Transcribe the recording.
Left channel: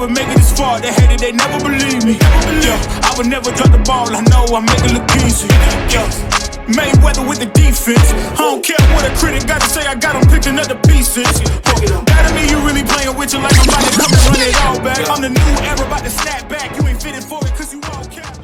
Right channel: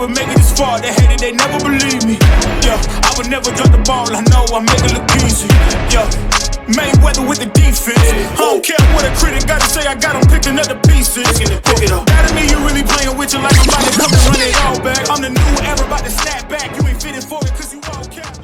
would make it this far. They hated, they never believe me. Yeah, I would never drop the ball. I know I make it look easy. Yeah, Mayweather with the defense. I don't care what a critic gotta say. I got them picking up the pieces. That to me, you really playing with you like I'm about to come and run it all back. I'm the new era, about to snap back. You ain't fitting for it 'cause you all cap.